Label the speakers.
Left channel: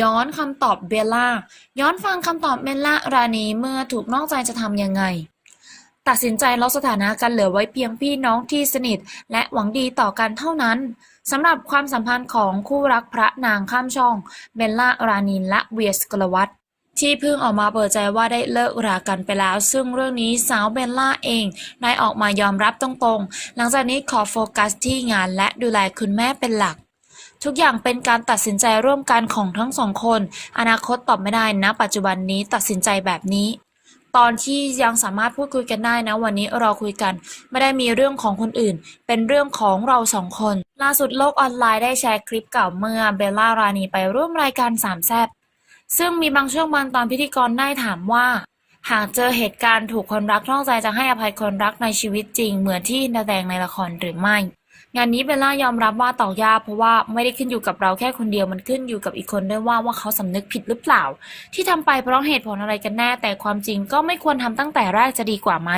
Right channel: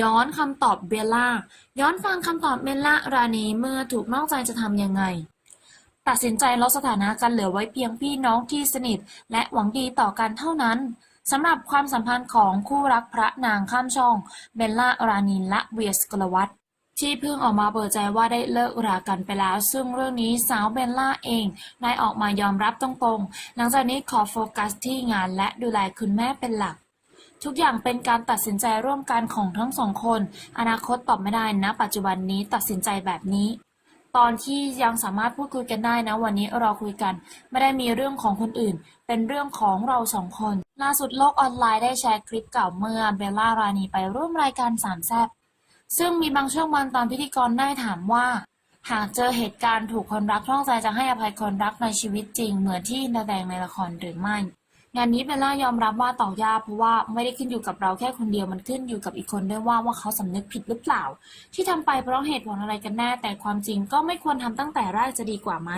Speaker 1: ย้อนคำตอบเบลล่า ย้อนฟังคำตอบเบลล่ารานีเมื่อถูกนอกใจจะทำยังไง ตัดสินใจลดสถานะกันเหลือไว้เพียงพี่น้องที่สนิท และหวังดีต่อกันเท่านั้นสำหรับความสัมพันธ์ของคู่รักพระนางข้ามช่องเบลล่ารานีและเวียสกลวัตที่เพิ่งออกมาเปิดใจว่าได้เลิกรากันไปแล้ว ซึ่งเรื่องนี้สาวเบลล่าเองได้ออกมายอมรับตรงๆ หลังจากนี้ขอโฟกัสที่งานและดูแลคุณแม่เป็นหลัก ทุกอย่างเป็นการตัดสินใจร่วมกันของทั้งสองคน อนาคตตอบไม่ได้นะปัจจุบันนี้ตัดสินใจแบบนี้ ตอนที่ยังสามารถพูดคุยกันได้นะ วันนี้เราคุยกัน ไม่ได้มีเรื่องของคนอื่น เป็นเรื่องของเราสองคน ล่าสุดโลกออนไลน์ได้แชร์คลิปเก่าเมื่อเบลล่ารานีไปร่วมรายการสามแซบซึ่งมีบางช่วงบางตอนพิธีกรได้ถามว่า หากเจอเหตุการณ์ถูกคนรักนอกใจจะให้อภัยคนรักในชีวิตจริง เหมือนที่แสดงในละครหรือไม่ งานนี้เบลล่ายอมรับว่าตอกยากเพราะว่าไม่ได้ขึ้นอยู่กับเราแค่คนเดียวมันขึ้นอยู่กับอีกคนด้วยว่าว่าเขาสำนึกผิดหรือเปล่า ที่ทำไปเพราะเหตุผลอะไรกันแน่แต่ความจริงก็ไม่ควรทำตั้งแต่แรกจะดีกว่าไหม